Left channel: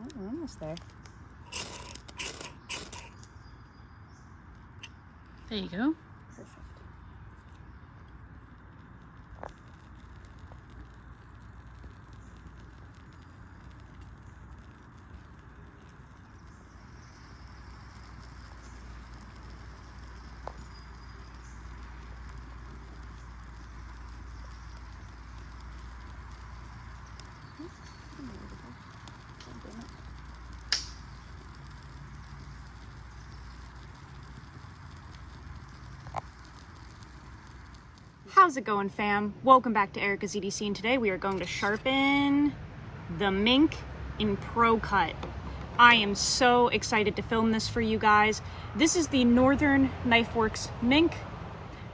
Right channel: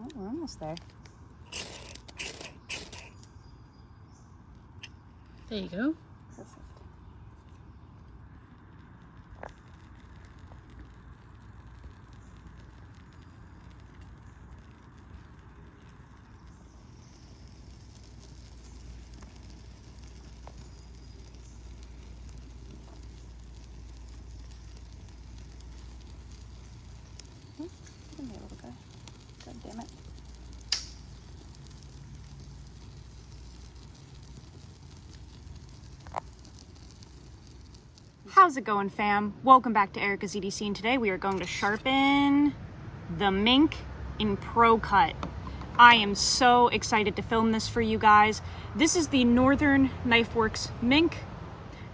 Oh, we're almost there. There you go. Perfect. How's it going, fam? Welcome back to Erica's EDC, and today we are going to sharpen the Mink in ProCut. I am so excited to film this for you guys. This is the Northern Knifeworks Mink.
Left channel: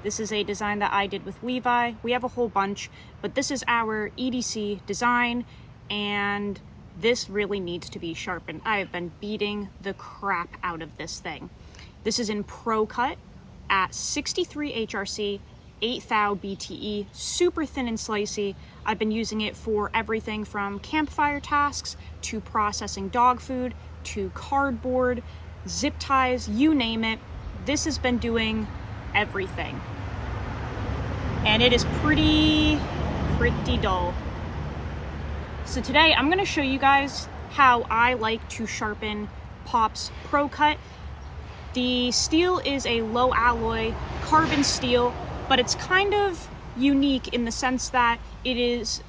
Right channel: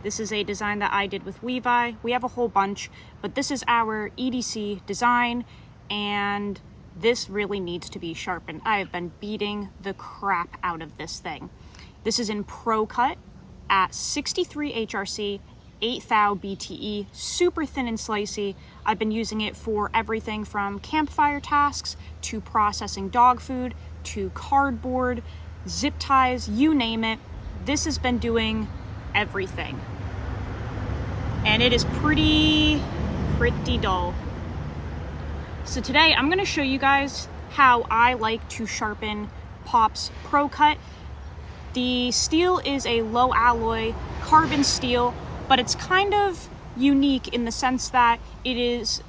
This is a design that I did with Levi. We have a whole bunch, but this is our EDC design, and this really needs to be sharpened. I have been beating the crap out of this thing. This is in ProCut at 63 HRC, 8 thou BTE, super thin and slicey. I've been using it for everything from campfire tasks to processing dog food to cardboard, zip ties, you name it. This has been doing everything. And it is pretty dull. So today I'm going to show you guys how I like to sharpen Pop's ProCut. The steel is a low alloy carbon steel, but it's kind of unique in the sense that it is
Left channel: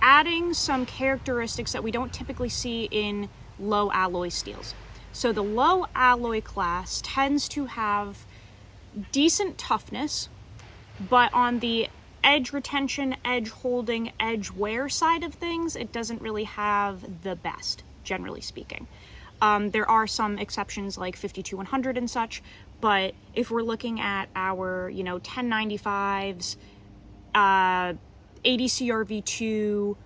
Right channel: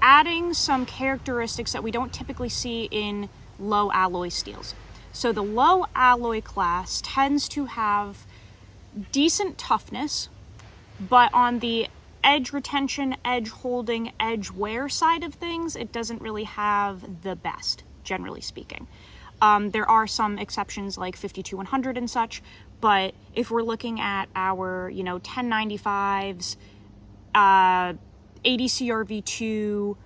adding some characteristics that we don't typically see in low alloy steels. So the low alloy class tends to have decent toughness, but on the edge retention, edge holding, edge wear side of things, it doesn't really have the best, generally speaking. There are some exceptions like 52-100 and such, but if we're looking at our, 1095s, 80 CRV2,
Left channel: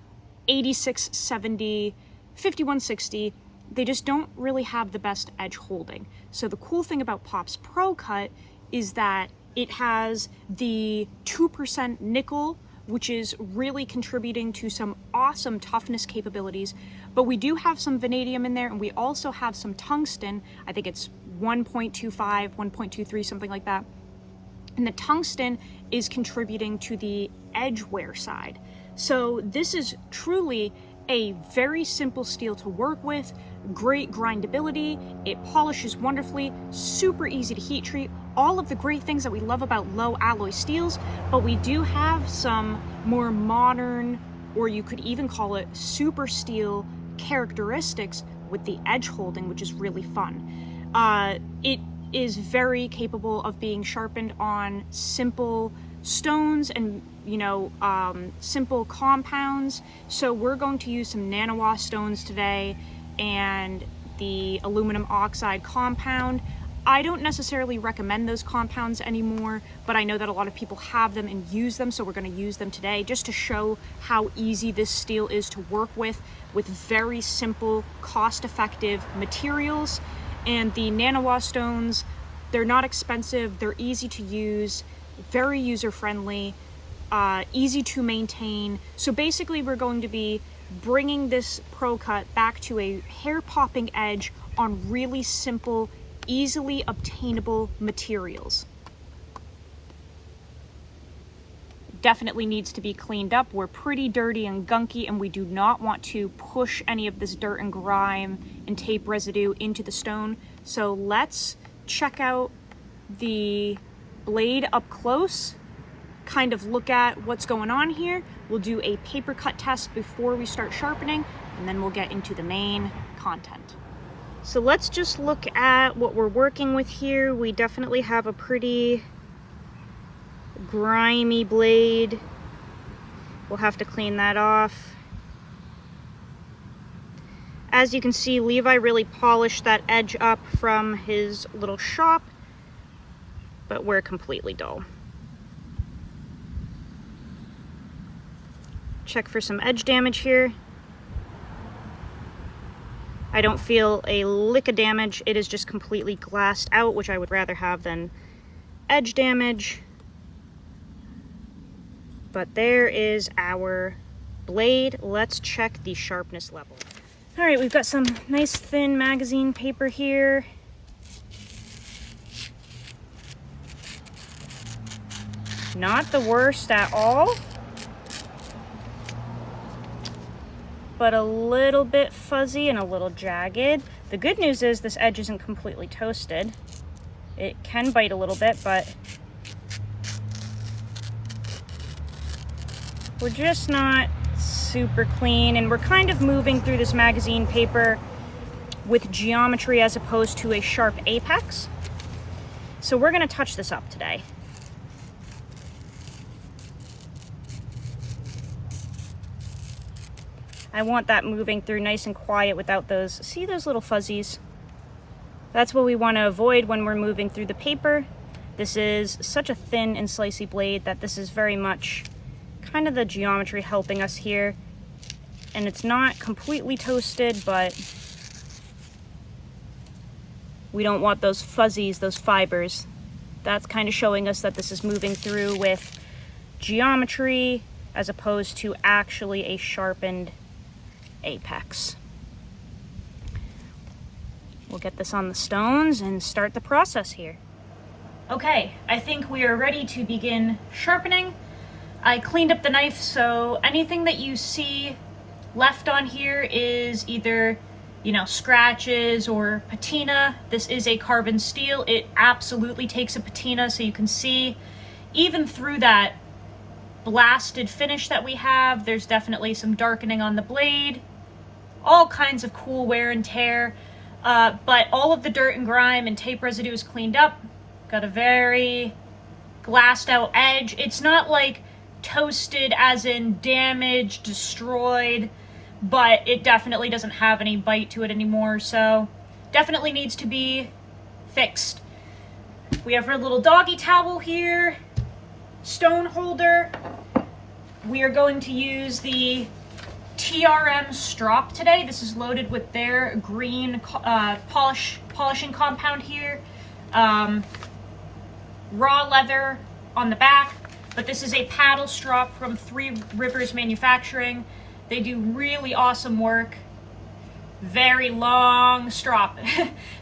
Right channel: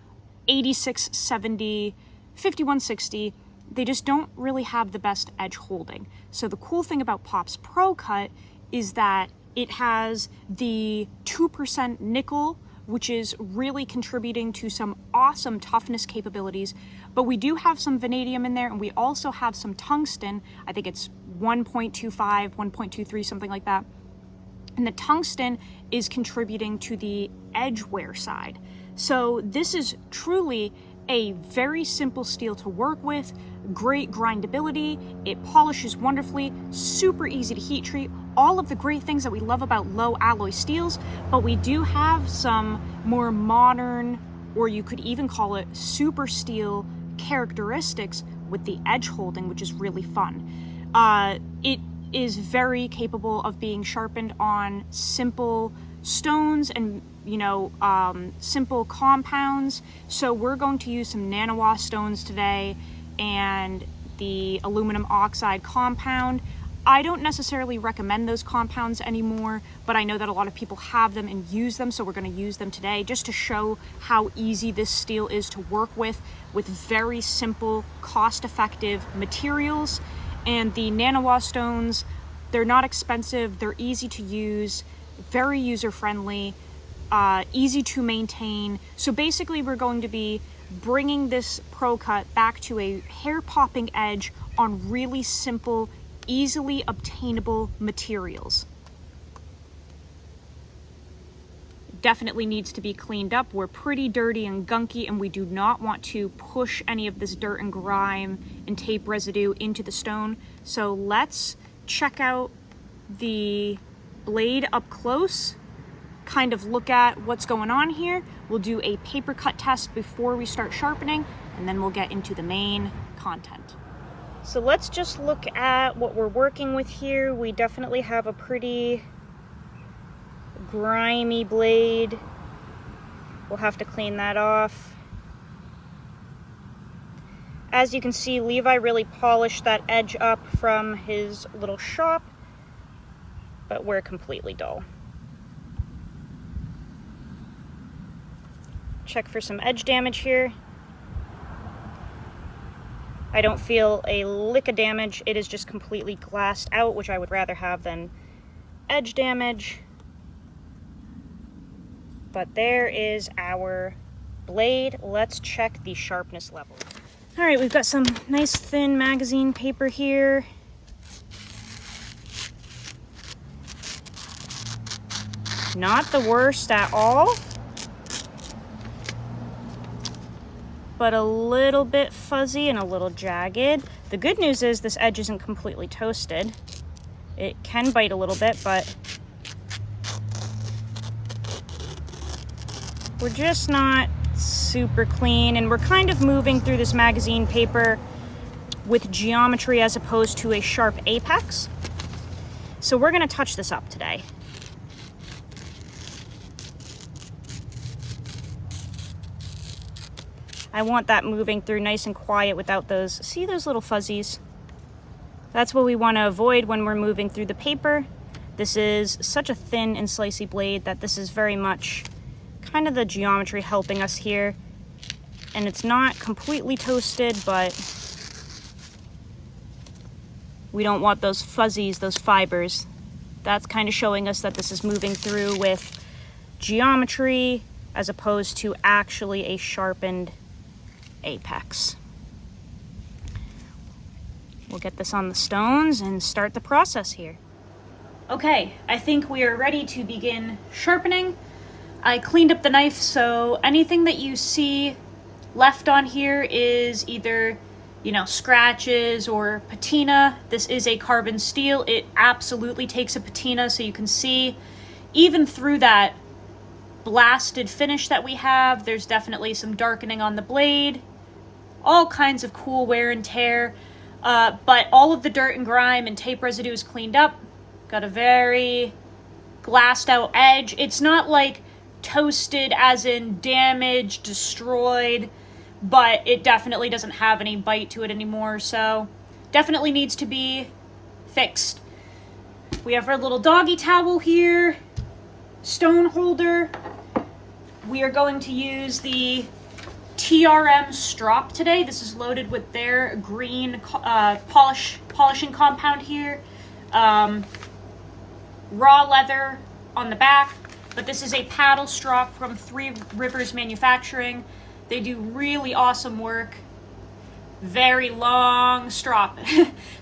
8670, 5160, they just don't really have the best edge holding. So the cool thing about Pop's ProCut is that it has the 2% nickel, which is really contributing to some awesome toughness capabilities. But we do have some vanadium in there, and we also have some tungsten. I think it's 1.25, 1.23, something like that. And the tungsten is contributing to the edge wear side. So this is truly a very simple steel to work with, great grindability, it polishes wonderfully, super easy to heat treat, all of the great things that we love about low alloy steels, but we do have some more modern, or you could even call it super steel characteristics with the edge holding, which is really fun. It is very capable of being sharpened on simple stones and simple compounds. So we're going to use some nanowa stones today and the aluminum oxide compound. I don't necessarily recommend those compounds anymore, but I know that a lot of people have them and use them, so we're going to use them today just to show how easy this steel is to work with very simple, cost-effective materials. And the nanowa stones, they're not expensive, they're easy to use, very user-friendly, easy to maintain. So basically we're going to be bringing this ProCut back to a hair-popping edge on really simple, easily obtainable materials. Definitely needs to be cleaned up. We're pretty dirty and gunky, and we do not want to push any of this dirt and grime and tape residue into the stone. So let's check out the blade up close, kind of look at what's going on here. We'll do a paper cut test before we start sharpening, and then we'll get into the main content. So let's just look at what we're working with here. We definitely have a pretty grimy blade. We'll have to clean that off. As you can see, Levi really polished that edge up from his little shop, but we're completely dull. Check for some edge damage here. I don't feel a lick of damage. It is just completely glassed out, which I would rather have than edge damage. But there is our blade. Let's check the sharpness level. All right, we've got some nice thin magazine paper here. Not the worst at all, but a little bit fuzzy and a little jagged. The good news is this edge isn't completely toasted. It can bite a little bit, but we're just not super clean, and we're kind of moving through this magazine paper with geometry as opposed to a sharp apex. So we're gonna touch this up today. I want that moving through nice and quiet without those, see those little fuzzies? That's what we want to avoid when we're moving through the paper. This is such a thin and slicey blade that this is very much kind of the geometry helping us here. And it's not completely toasted, but we don't want those fuzzies, those fibers. That's kind of showing us that this is moving through with geometry as opposed to actually a sharpened apex. We'll get this on the stones and start the process here. Okay, I think we are ready to begin sharpening. I cleaned up the knife, so anything that you see left on here is either, scratches or patina. This is a carbon steel. It absolutely takes a patina, so you can see even through that blasted finish that we have, there's definitely some darkening on the blade. All kinds of cool wear and tear, but all of the dirt and grime and tape residue is cleaned up. Got a very glassed out edge. It's not like toasted as in damaged, destroyed, but it definitely doesn't have any bite to it anymore, so definitely needs to be fixed. We have our little doggy towel here, stone holder. We are going to use the TRM strop today. This is loaded with their green polishing compound here. Raw leather on the back, but this is a paddle strop from Three Rivers Manufacturing. They do really awesome work. Very long strop.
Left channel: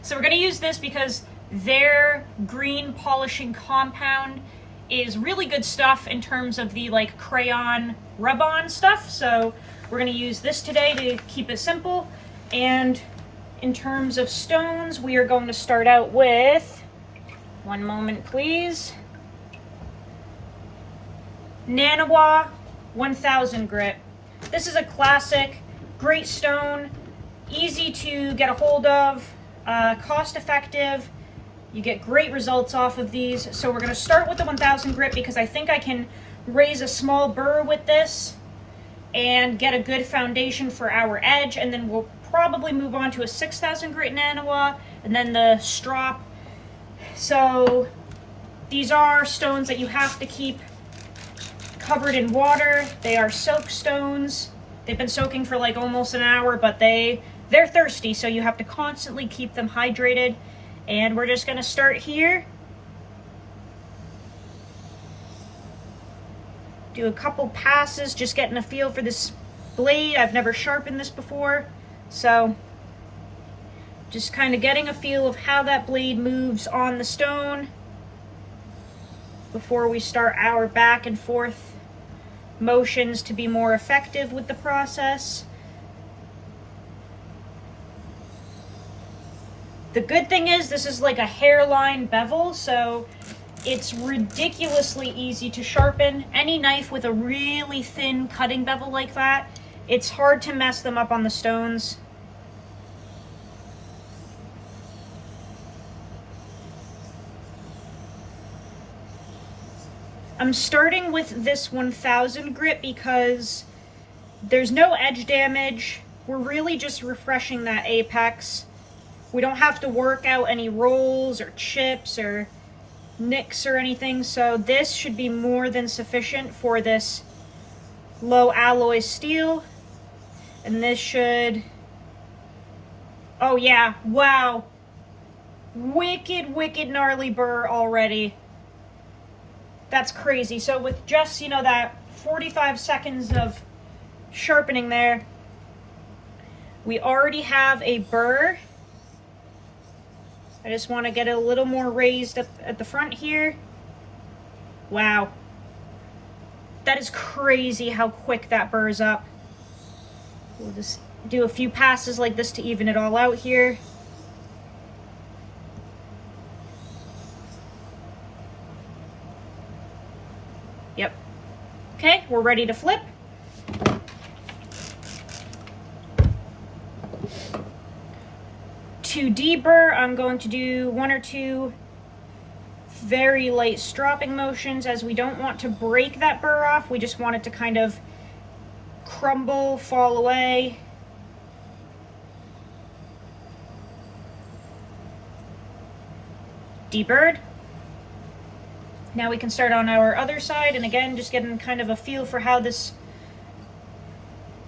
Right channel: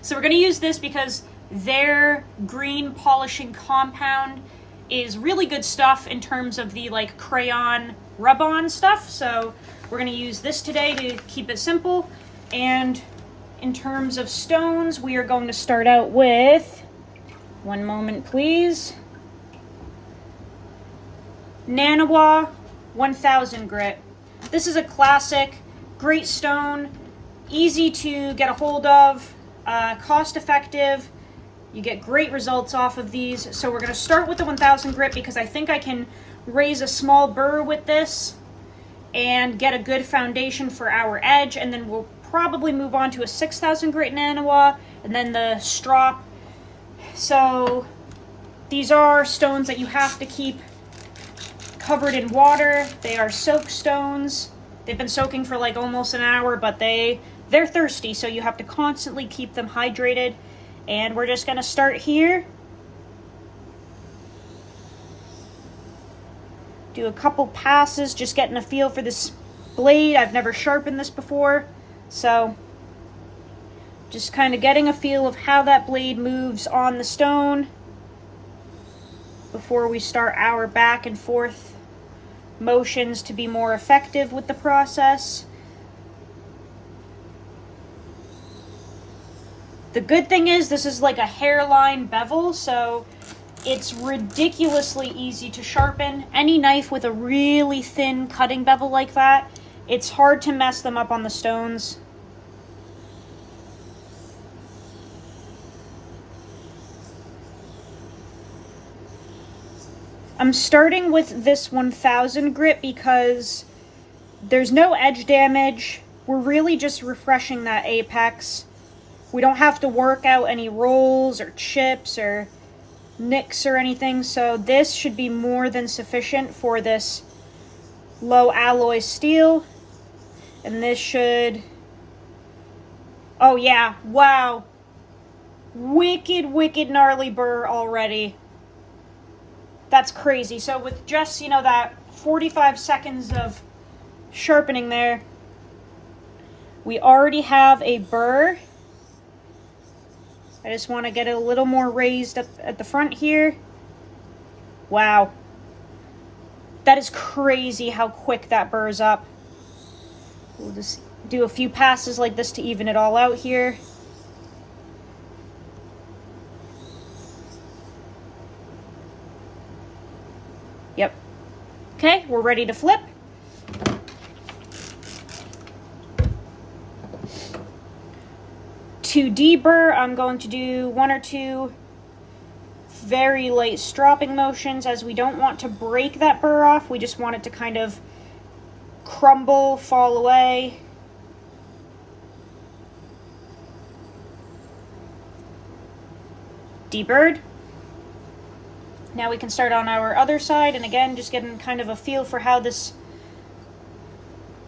So we're going to use this because their green polishing compound is really good stuff in terms of the crayon rub-on stuff. So we're going to use this today to keep it simple. And in terms of stones, we are going to start out with, one moment please, Nanawa 1000 grit. This is a classic, great stone, easy to get a hold of, cost effective. You get great results off of these. So we're going to start with the 1000 grit because I think I can raise a small burr with this and get a good foundation for our edge, and then we'll probably move on to a 6000 grit Nanawa and then the strop. So these are stones that you have to keep covered in water. They are soak stones. They've been soaking for almost an hour, but they're thirsty, so you have to constantly keep them hydrated. And we're just going to start here. Do a couple passes, just getting a feel for this blade. I've never sharpened this before, so just kind of getting a feel of how that blade moves on the stone before we start our back and forth motions to be more effective with the process. The good thing is this is like a hairline bevel, so it's ridiculously easy to sharpen. Any knife with a really thin cutting bevel like that, it's hard to mess them up on the stones. I'm starting with this 1000 grit because there's no edge damage. We're really just refreshing that apex. We don't have to work out any rolls or chips or nicks or anything, so this should be more than sufficient for this low alloy steel. And this should, oh yeah, wow, wicked gnarly burr already. That's crazy. So with just that 45 seconds of sharpening there, We already have a burr. I just want to get it a little more raised at the front here. Wow. That is crazy how quick that burrs up. We'll just do a few passes like this to even it all out here. Yep. Okay, we're ready to flip. To deburr, I'm going to do 1 or 2 very light stropping motions, as we don't want to break that burr off. We just want it to kind of crumble, fall away. Deburred. Now we can start on our other side, and again, just getting kind of a feel for how this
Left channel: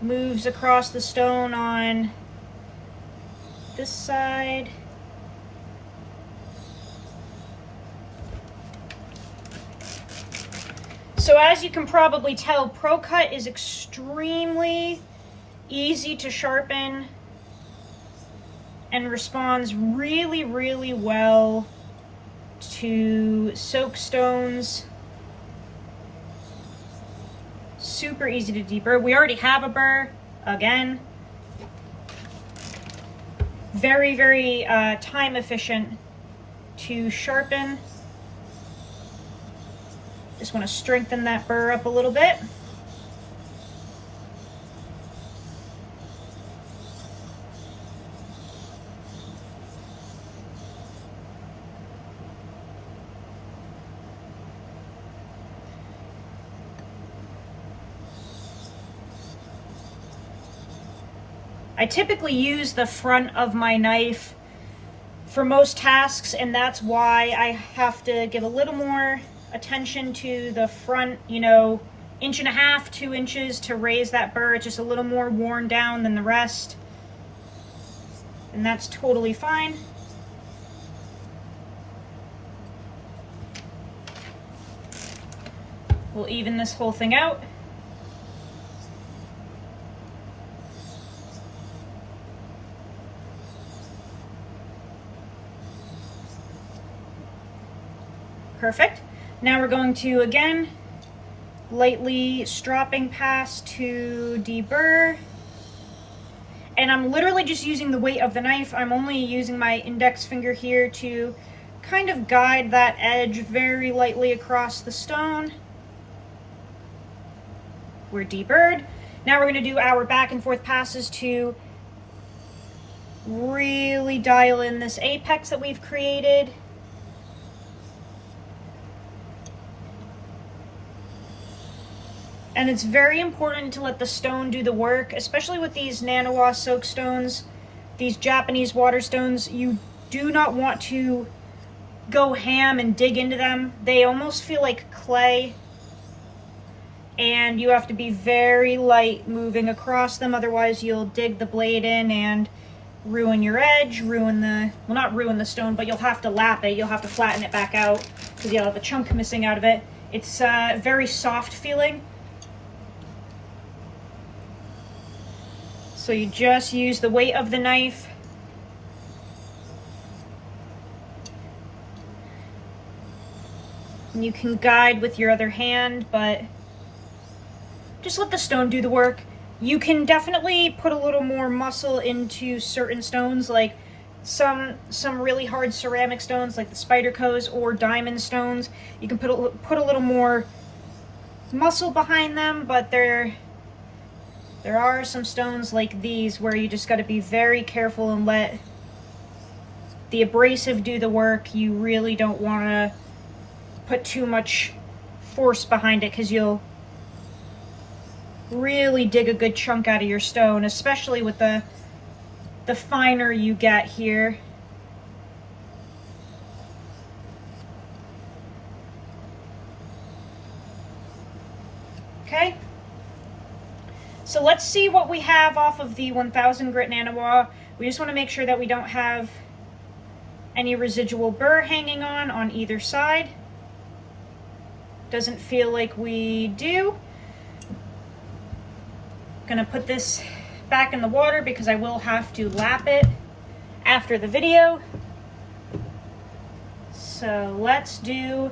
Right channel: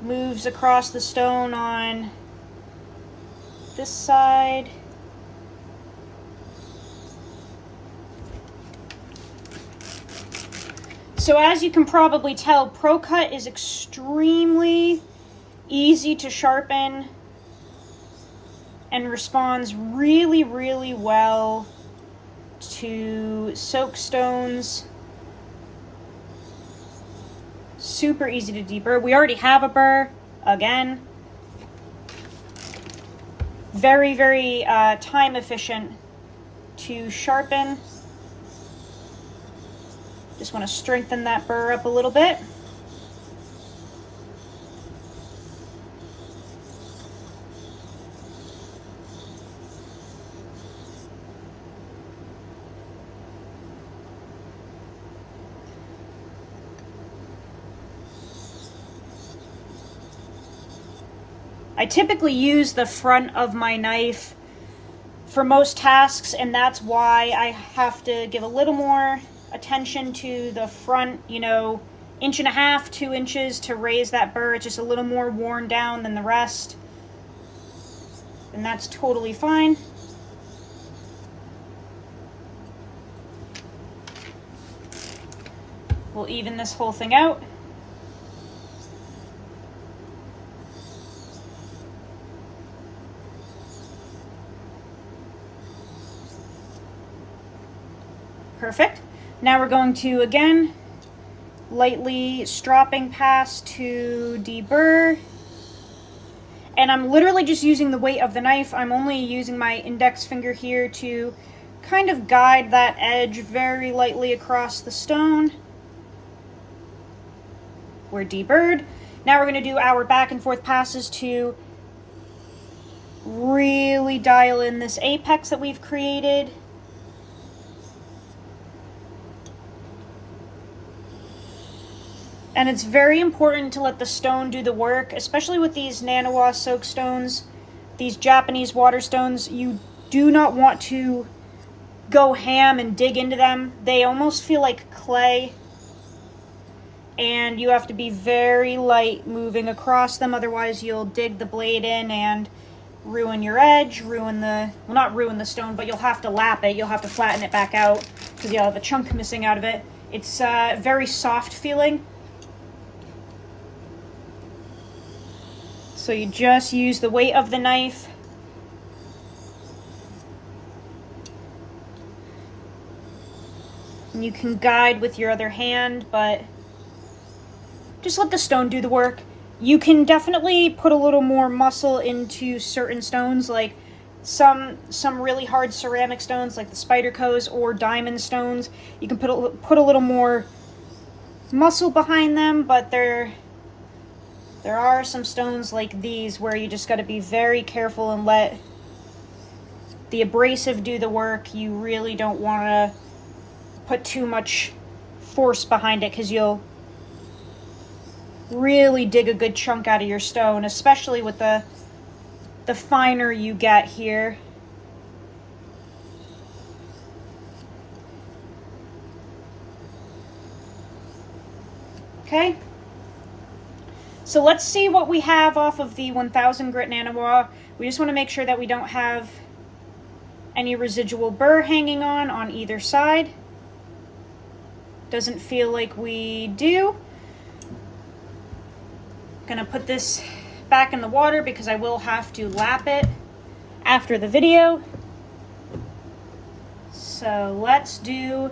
moves across the stone on this side. So as you can probably tell, ProCut is extremely easy to sharpen and responds really, really well to soak stones. Super easy to deburr. We already have a burr, again. Very, very time efficient to sharpen. Just want to strengthen that burr up a little bit. I typically use the front of my knife for most tasks, and that's why I have to give a little more attention to the front, you know, 1.5 to 2 inches to raise that burr. It's just a little more worn down than the rest, and that's totally fine. We'll even this whole thing out. Perfect. Now we're going to, again, lightly stropping pass to deburr. And I'm literally just using the weight of the knife. I'm only using my index finger here to kind of guide that edge very lightly across the stone. We're deburred. Now we're going to do our back and forth passes to really dial in this apex that we've created. And it's very important to let the stone do the work, especially with these nanowa soak stones, these Japanese water stones. You do not want to go ham and dig into them. They almost feel like clay, and you have to be very light moving across them, otherwise you'll dig the blade in and ruin your edge, ruin the, well, not ruin the stone, but you'll have to lap it, you'll have to flatten it back out because you'll have a chunk missing out of it. It's very soft feeling. So you just use the weight of the knife. And you can guide with your other hand, but just let the stone do the work. You can definitely put a little more muscle into certain stones, like some really hard ceramic stones like the Spyderco's or diamond stones. You can put a little more muscle behind them, but there are some stones like these where you just got to be very careful and let the abrasive do the work. You really don't want to put too much force behind it because you'll really dig a good chunk out of your stone, especially with the finer you get here. Okay. So let's see what we have off of the 1000 grit nanowa. We just want to make sure that we don't have any residual burr hanging on either side. Doesn't feel like we do. Gonna put this back in the water because I will have to lap it after the video. So let's do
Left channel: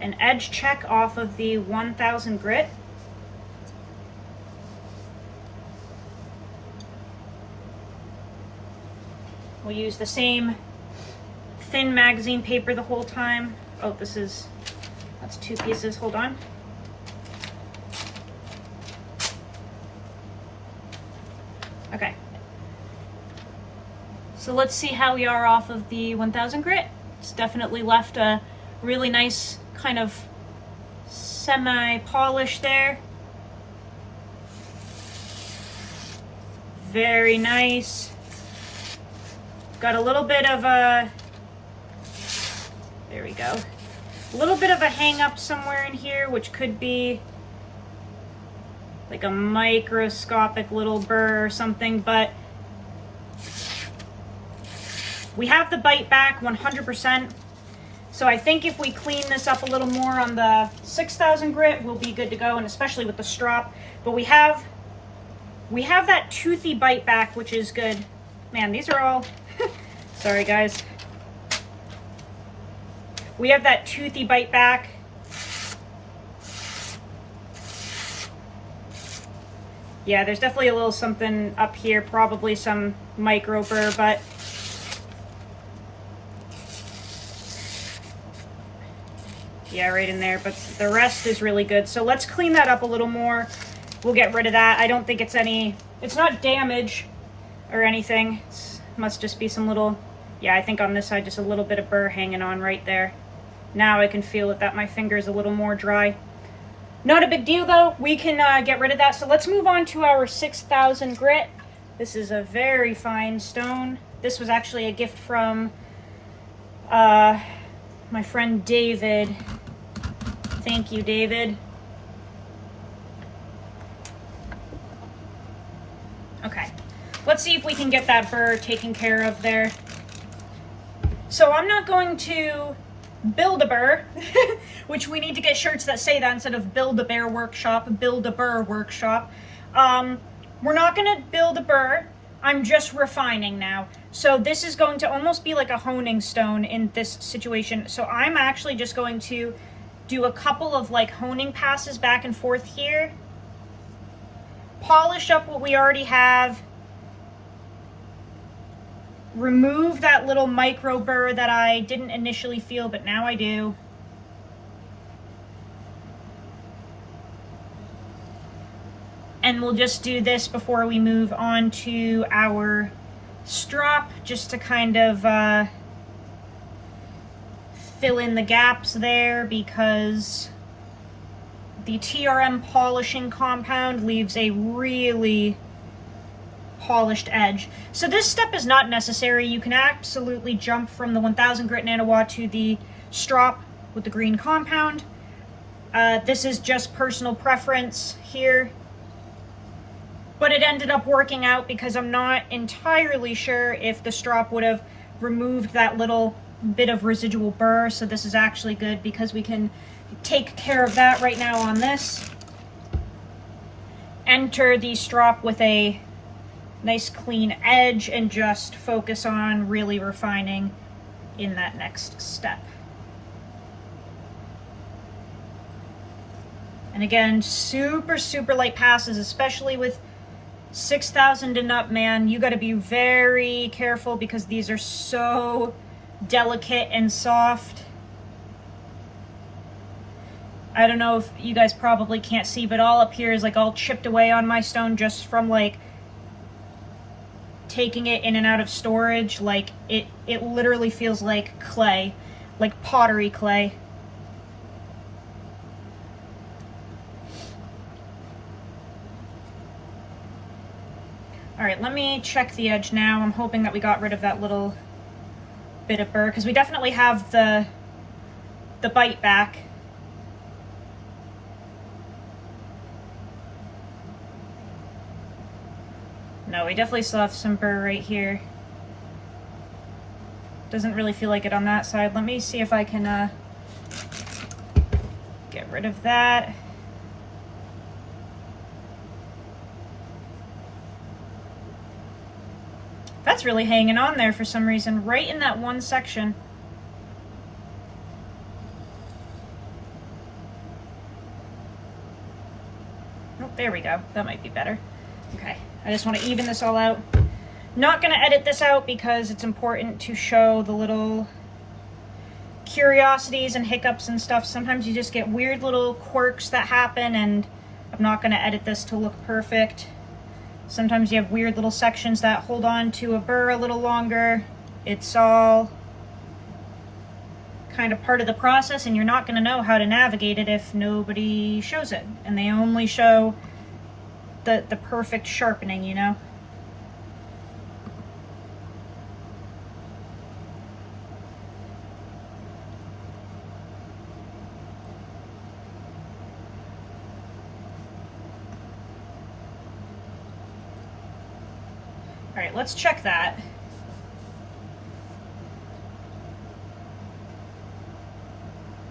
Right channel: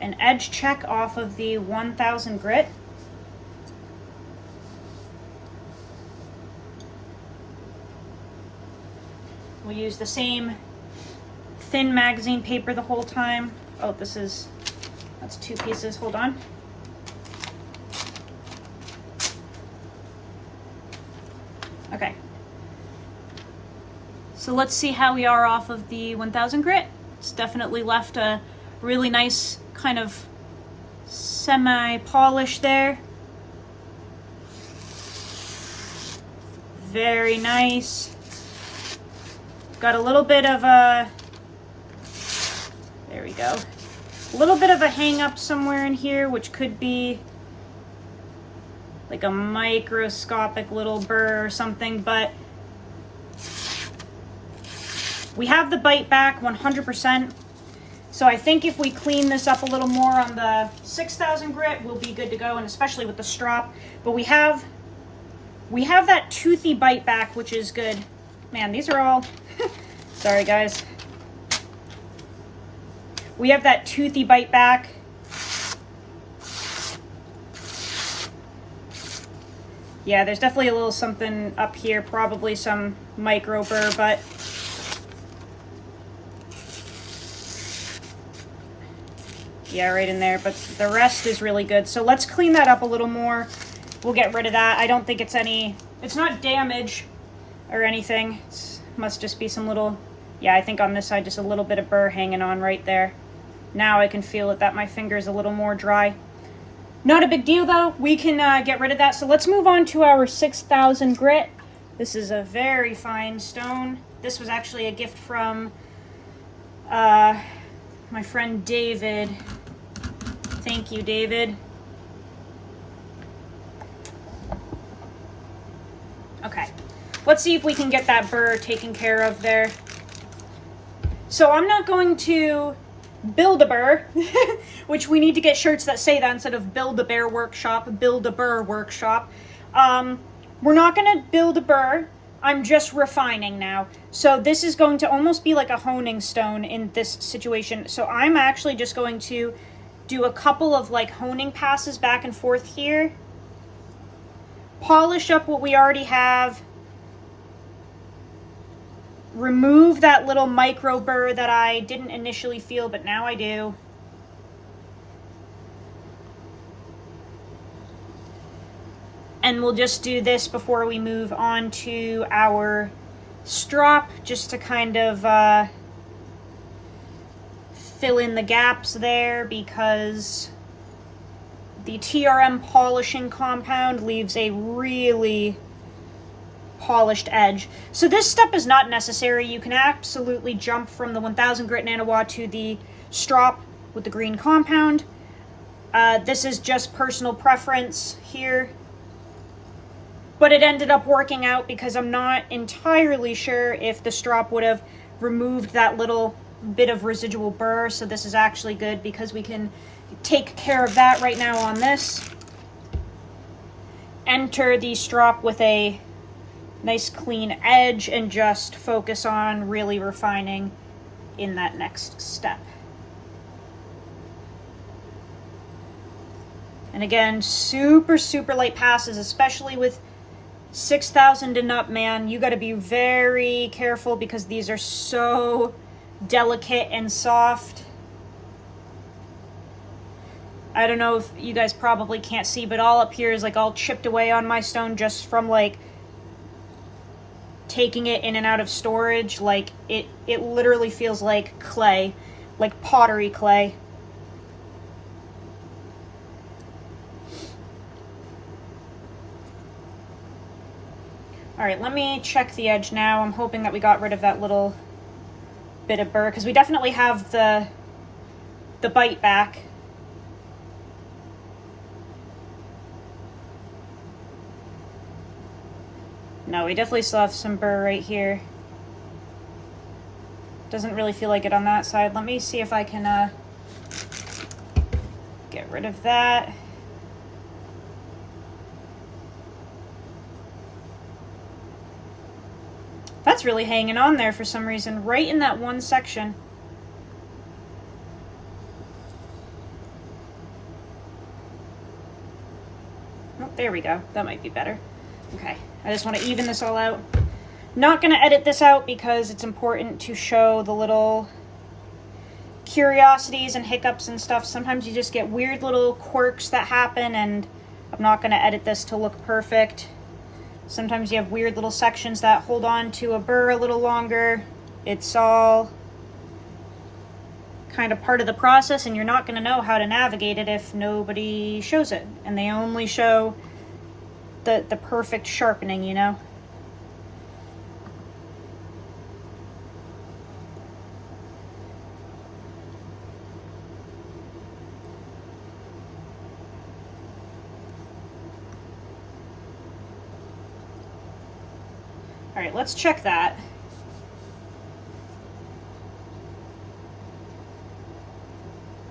an edge check off of the 1000 grit. We'll use the same thin magazine paper the whole time. Oh, that's 2 pieces, hold on. Okay. So let's see how we are off of the 1000 grit. It's definitely left a really nice kind of semi-polish there. Very nice. Got a little bit of a, there we go, a little bit of a hang up somewhere in here, which could be like a microscopic little burr or something, but we have the bite back 100%. So I think if we clean this up a little more on the 6000 grit, we'll be good to go, and especially with the strop. But we have that toothy bite back, which is good. Man, these are all, sorry guys. We have that toothy bite back. Yeah, there's definitely a little something up here, probably some micro burr, but yeah, right in there, but the rest is really good. So let's clean that up a little more. We'll get rid of that. I don't think it's not damage or anything. It must just be some little, yeah, I think on this side, just a little bit of burr hanging on right there. Now I can feel it, that my finger is a little more dry. Not a big deal though. We can get rid of that. So let's move on to our 6000 grit. This is a very fine stone. This was actually a gift from my friend David. Thank you, David. Okay, let's see if we can get that burr taken care of there. So I'm not going to build a burr, which we need to get shirts that say that instead of build a bear workshop, build a burr workshop. We're not going to build a burr. I'm just refining now. So this is going to almost be like a honing stone in this situation. So I'm actually just going to do a couple of like honing passes back and forth here. Polish up what we already have. Remove that little micro burr that I didn't initially feel, but now I do. And we'll just do this before we move on to our strop, just to kind of fill in the gaps there, because the TRM polishing compound leaves a really polished edge. So this step is not necessary. You can absolutely jump from the 1000 grit nanowatt to the strop with the green compound. This is just personal preference here. But it ended up working out because I'm not entirely sure if the strop would have removed that little bit of residual burr. So this is actually good because we can take care of that right now on this. Enter the strop with a nice clean edge and just focus on really refining in that next step. And again, super, super light passes, especially with 6000 and up, man. You got to be very careful because these are so delicate and soft. I don't know if you guys probably can't see, but all up here is like all chipped away on my stone just from like taking it in and out of storage. Like it literally feels like clay, like pottery clay. All right, let me check the edge now. I'm hoping that we got rid of that little bit of burr because we definitely have the bite back. No, we definitely still have some burr right here. Doesn't really feel like it on that side. Let me see if I can get rid of that. that's really hanging on there for some reason, right in that one section. Oh, there we go. That might be better. Okay, I just want to even this all out. Not going to edit this out because it's important to show the little curiosities and hiccups and stuff. Sometimes you just get weird little quirks that happen, and I'm not going to edit this to look perfect. Sometimes you have weird little sections that hold on to a burr a little longer. It's all kind of part of the process, and you're not going to know how to navigate it if nobody shows it, and they only show the perfect sharpening, you know? All right, let's check that.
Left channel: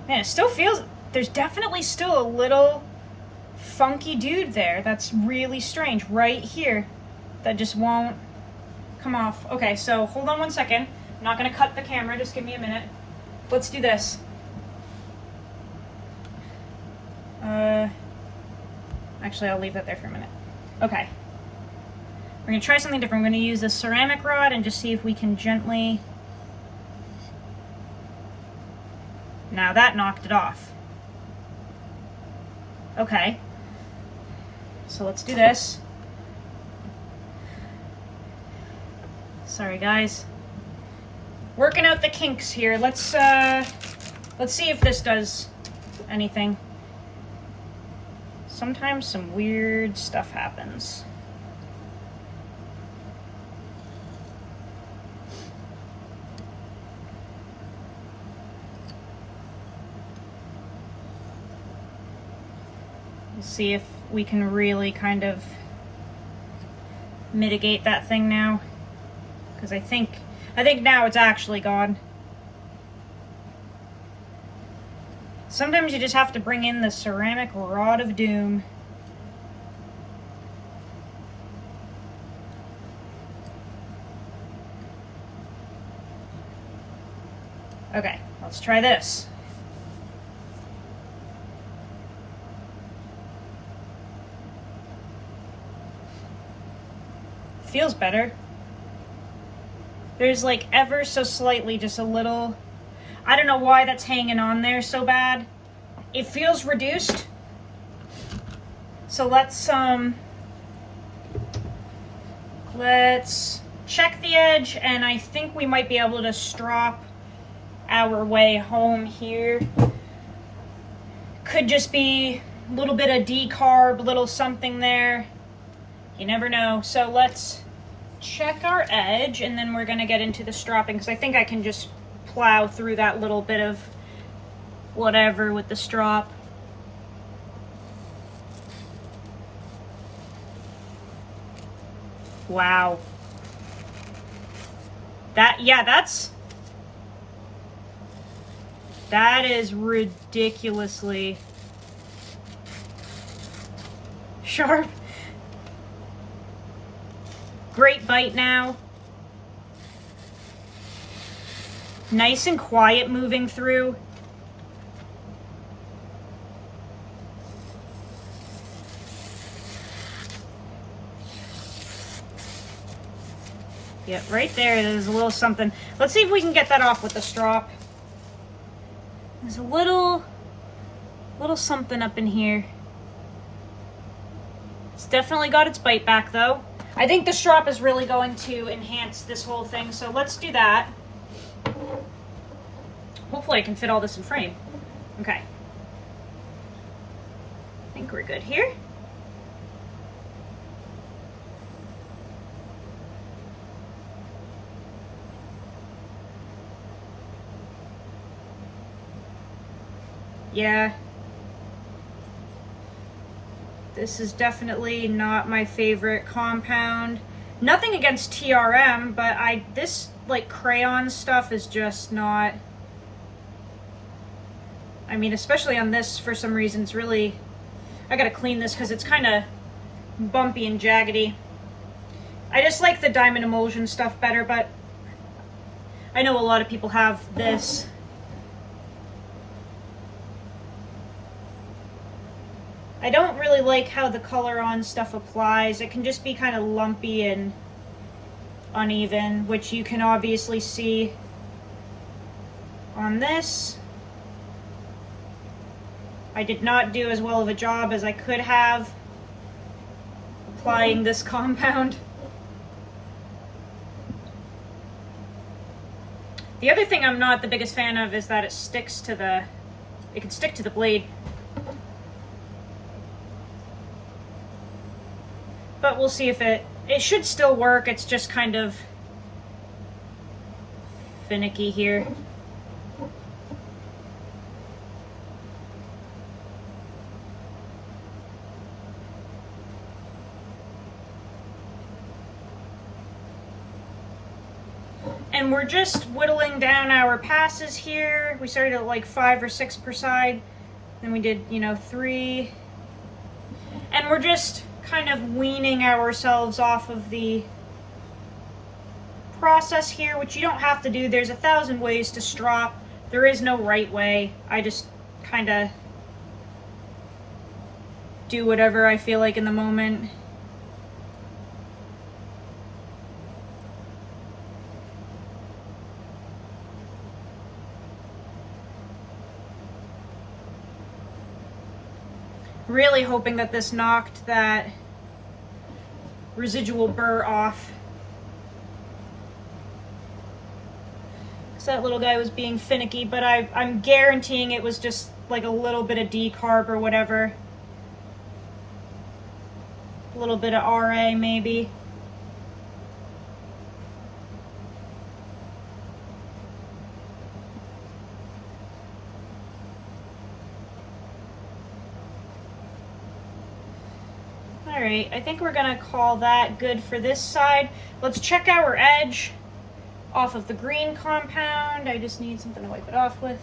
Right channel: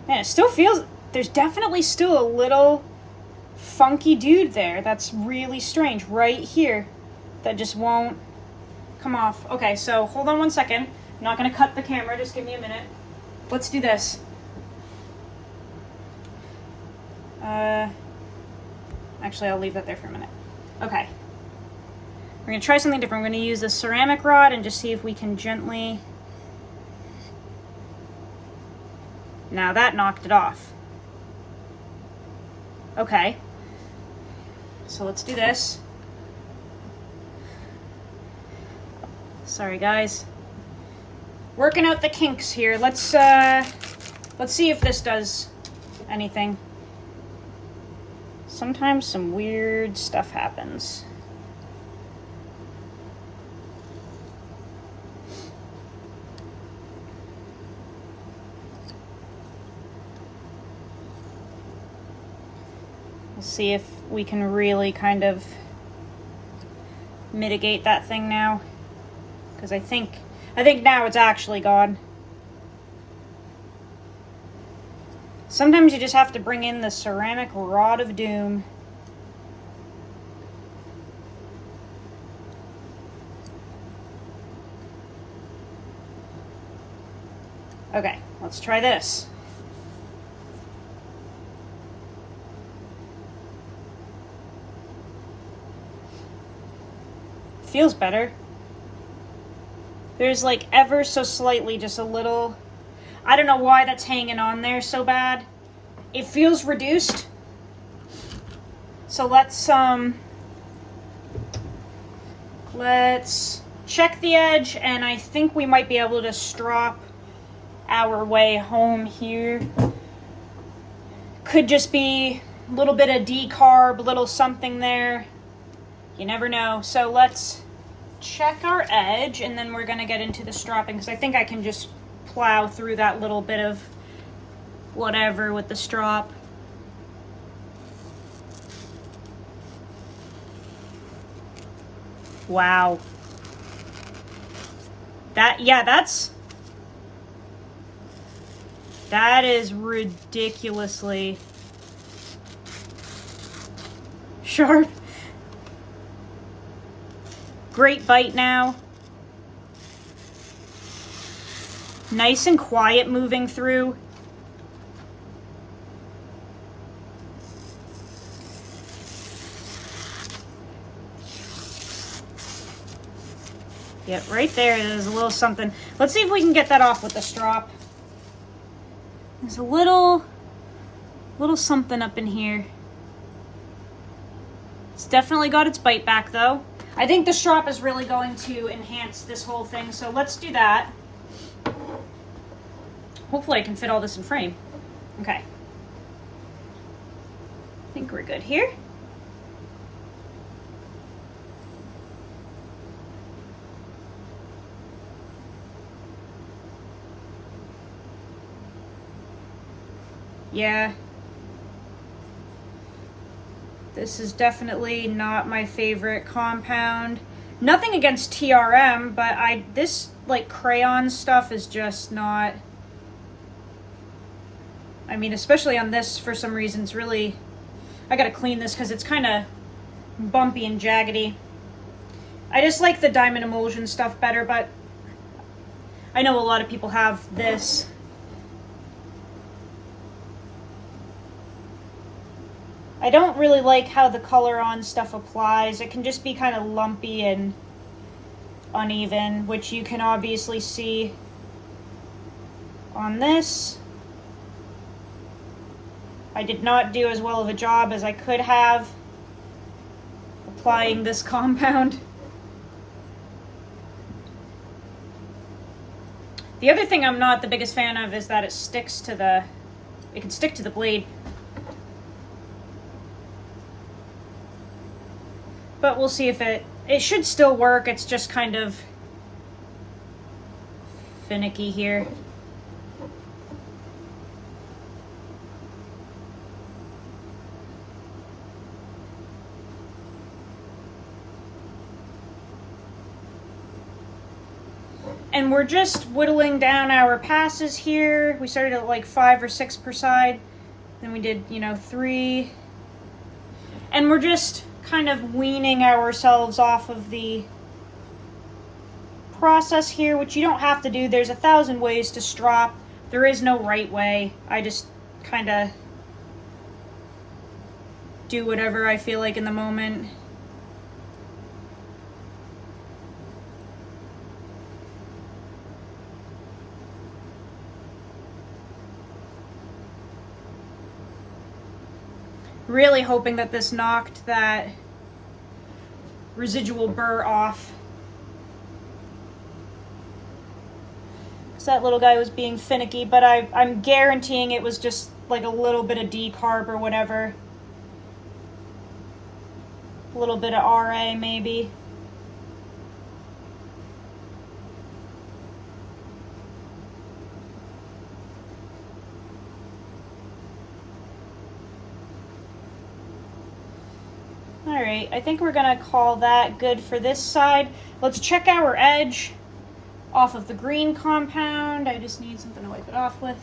Man, it still feels, there's definitely still a little funky dude there. That's really strange right here. That just won't come off. Okay, so hold on one second. I'm not gonna cut the camera, just give me a minute. Let's do this. Actually, I'll leave that there for a minute. Okay. We're going to try something different. We're going to use a ceramic rod and just see if we can gently... Now that knocked it off. Okay. So let's do this. Sorry, guys. Working out the kinks here. Let's see if this does anything. Sometimes some weird stuff happens. See if we can really kind of mitigate that thing now, because I think now it's actually gone. Sometimes you just have to bring in the ceramic rod of doom. Okay, let's try this. Feels better. There's like ever so slightly just a little, I don't know why that's hanging on there so bad. It feels reduced. So let's check the edge, and I think we might be able to strop our way home here. Could just be a little bit of decarb, a little something there. You never know. So let's check our edge, and then we're gonna get into the stropping, because I think I can just plow through that little bit of whatever with the strop. Wow. That is ridiculously sharp. Great bite now. Nice and quiet moving through. Yeah, right there's a little something. Let's see if we can get that off with the strop. There's a little something up in here. It's definitely got its bite back though. I think the strop is really going to enhance this whole thing, so let's do that. Hopefully I can fit all this in frame. Okay. I think we're good here. Yeah. This is definitely not my favorite compound. Nothing against TRM, but this like crayon stuff is just not, I mean, especially on this for some reason, it's really, I gotta clean this because it's kind of bumpy and jaggedy. I just like the diamond emulsion stuff better, but I know a lot of people have this. I don't really like how the color on stuff applies. It can just be kind of lumpy and uneven, which you can obviously see on this. I did not do as well of a job as I could have applying this compound. The other thing I'm not the biggest fan of is that it sticks to the, it can stick to the blade. But we'll see if it should still work. It's just kind of finicky here. And we're just whittling down our passes here. We started at like 5 or 6 per side. Then we did, 3. And we're just kind of weaning ourselves off of the process here, which you don't have to do. There's 1,000 ways to strop. There is no right way. I just kind of do whatever I feel like in the moment. Really hoping that this knocked that residual burr off. Because that little guy was being finicky, but I'm guaranteeing it was just like a little bit of decarb or whatever. A little bit of RA maybe. Alright, I think we're gonna call that good for this side. Let's check our edge off of the green compound. I just need something to wipe it off with.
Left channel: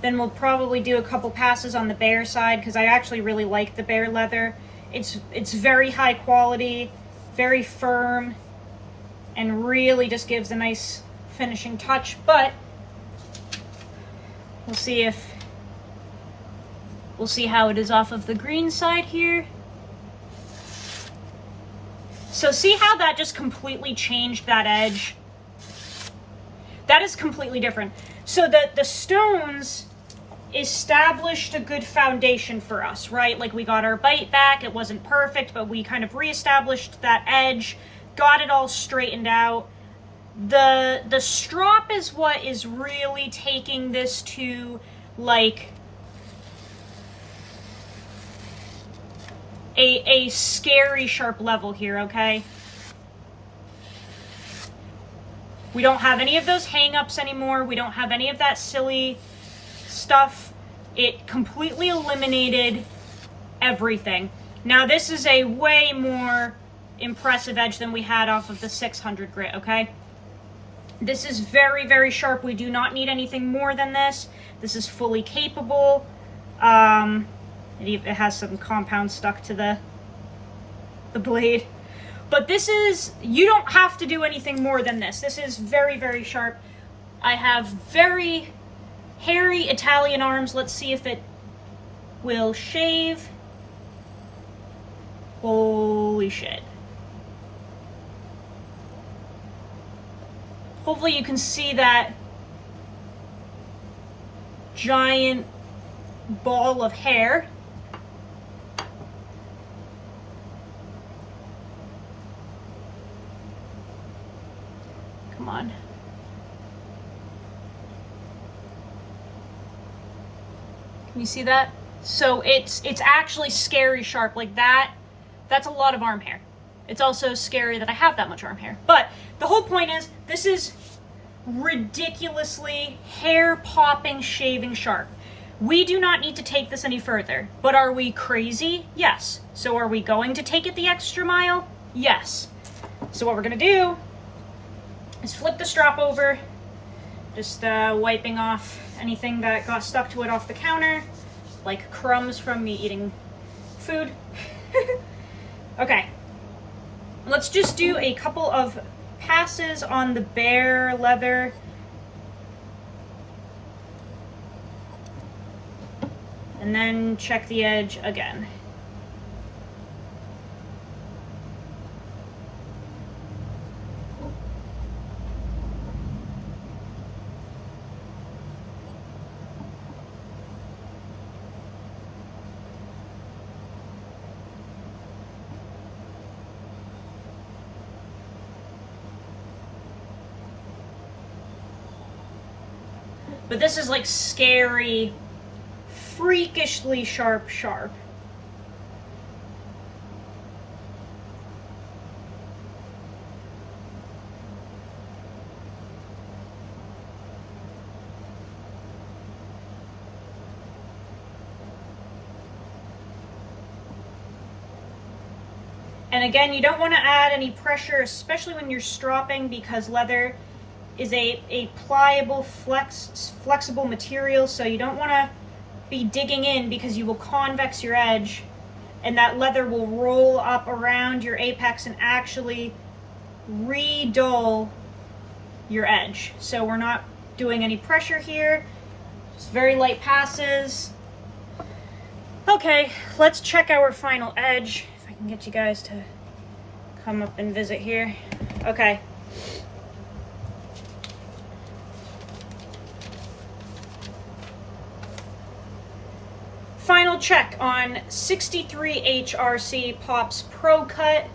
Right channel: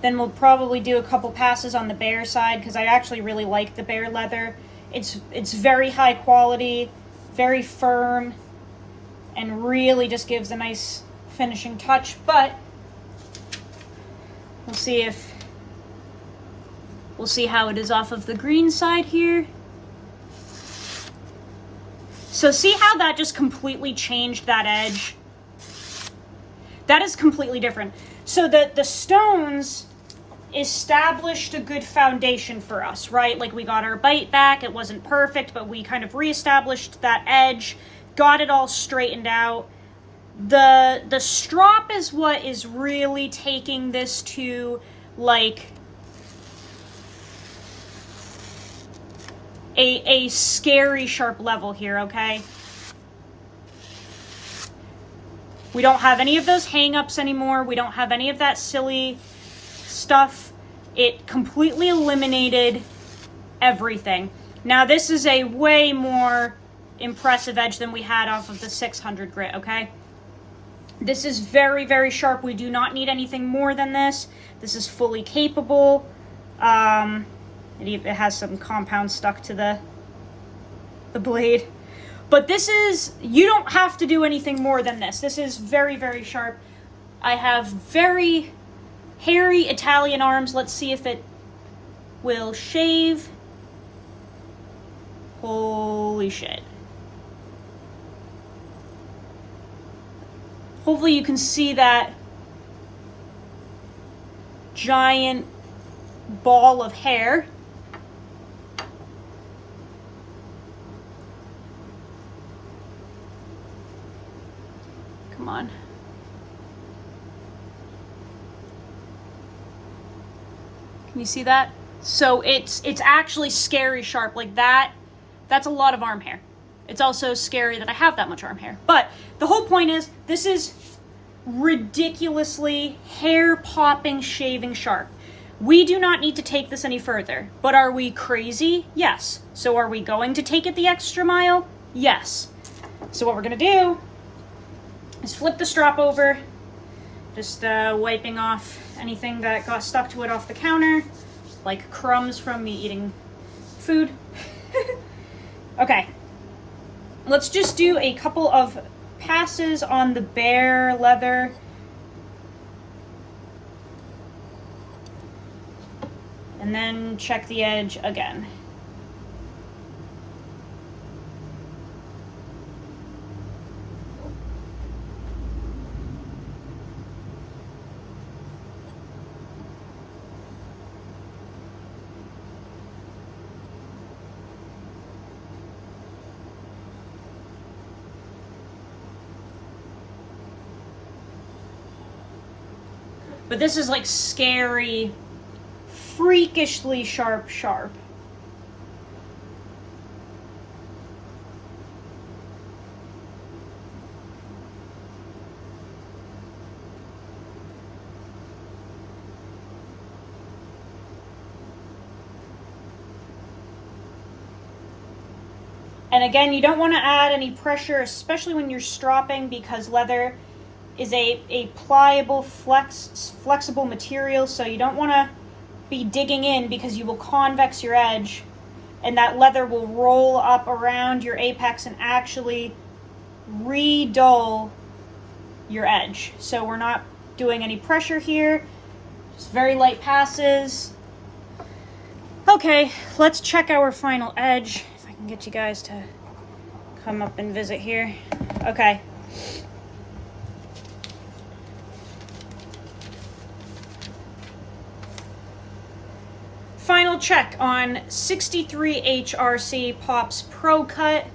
Then we'll probably do a couple passes on the bare side because I actually really like the bare leather. It's very high quality, very firm, and really just gives a nice finishing touch. But we'll see how it is off of the green side here. So see how that just completely changed that edge? That is completely different. So the stones established a good foundation for us, right? Like we got our bite back. It wasn't perfect, but we kind of reestablished that edge, got it all straightened out. The strop is what is really taking this to like a scary sharp level here, okay? We don't have any of those hang-ups anymore. We don't have any of that silly stuff. It completely eliminated everything. Now this is a way more impressive edge than we had off of the 600 grit, okay? This is very, very sharp. We do not need anything more than this. This is fully capable. It has some compound stuck to the blade. But this is, you don't have to do anything more than this. This is very, very sharp. I have very hairy Italian arms. Let's see if it will shave. Holy shit. Hopefully you can see that giant ball of hair. Come on. Can you see that? So it's actually scary sharp. Like that's a lot of arm hair. It's also scary that I have that much arm hair. But the whole point is, this is ridiculously hair-popping shaving sharp. We do not need to take this any further. But are we crazy? Yes. So are we going to take it the extra mile? Yes. So what we're gonna do is flip the strop over, just wiping off anything that got stuck to it off the counter, like crumbs from me eating food. Okay. Let's just do a couple of passes on the bare leather. And then check the edge again. But this is like scary, freakishly sharp. And again, you don't want to add any pressure, especially when you're stropping, because leather is a pliable, flexible material, so you don't want to be digging in because you will convex your edge, and that leather will roll up around your apex and actually re-dull your edge. So we're not doing any pressure here, just very light passes. Okay, let's check our final edge. If I can get you guys to come up and visit here. Okay. Final check on 63 HRC Pops ProCut.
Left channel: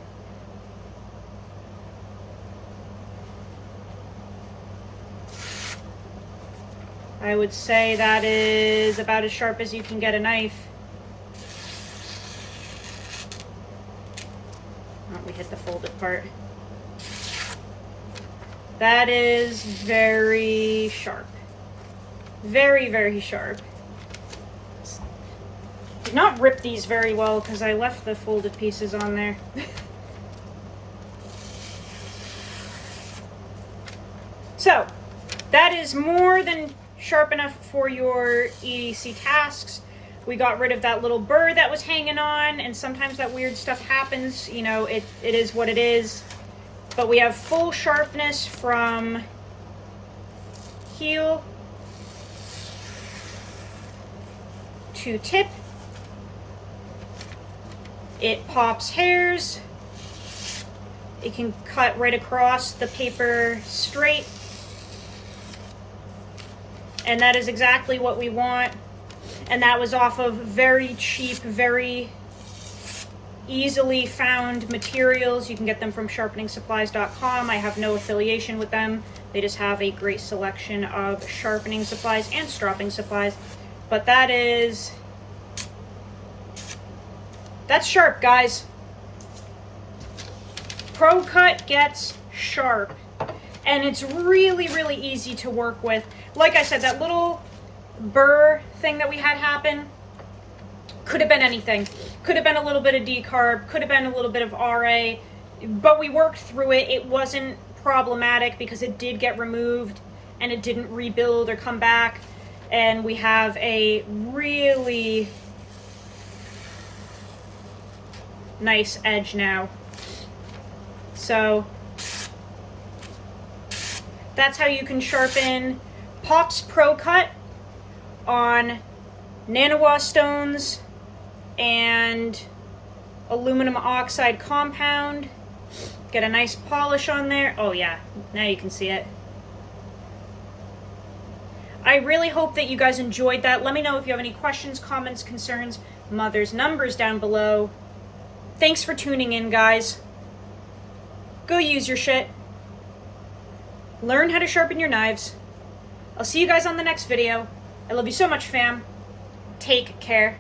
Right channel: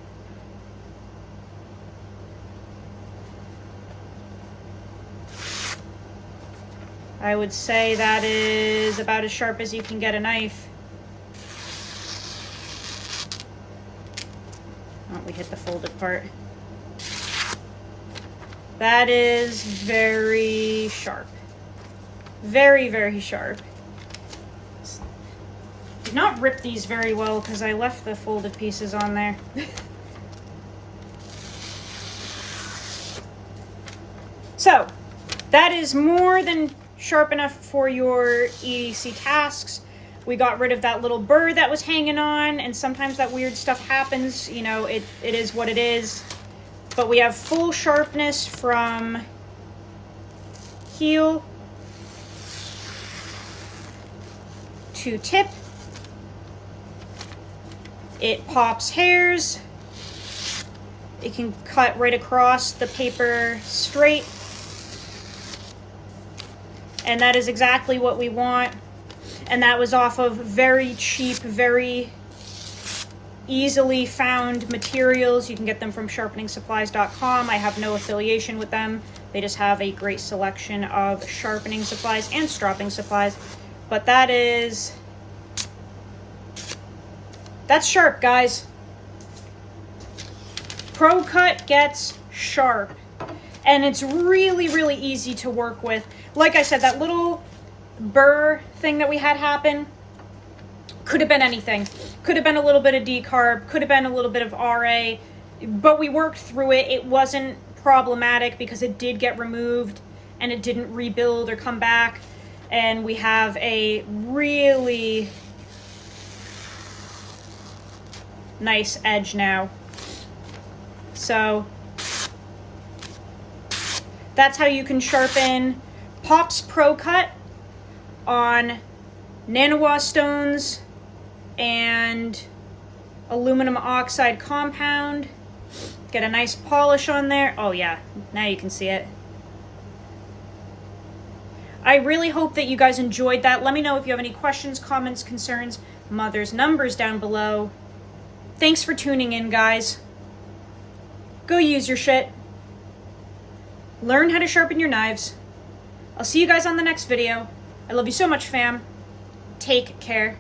I would say that is about as sharp as you can get a knife. Oh, we hit the folded part. That is very sharp. Very, very sharp. Did not rip these very well because I left the folded pieces on there. So, that is more than sharp enough for your EDC tasks. We got rid of that little burr that was hanging on, and sometimes that weird stuff happens. You know, it is what it is. But we have full sharpness from heel to tip. It pops hairs. It can cut right across the paper straight. And that is exactly what we want. And that was off of very cheap, very easily found materials. You can get them from sharpeningsupplies.com. I have no affiliation with them. They just have a great selection of sharpening supplies and stropping supplies. But that's sharp, guys. ProCut gets sharp. And it's really, really easy to work with. Like I said, that little burr thing that we had happen could have been anything. Could have been a little bit of decarb, could have been a little bit of RA, but we worked through it. It wasn't problematic because it did get removed and it didn't rebuild or come back. And we have a really nice edge now. So that's how you can sharpen Pops ProCut on nanowa stones and aluminum oxide compound. Get a nice polish on there. Oh yeah, now you can see it. I really hope that you guys enjoyed that. Let me know if you have any questions, comments, concerns. Mother's number's down below. Thanks for tuning in, guys. Go use your shit. Learn how to sharpen your knives. I'll see you guys on the next video. I love you so much, fam. Take care.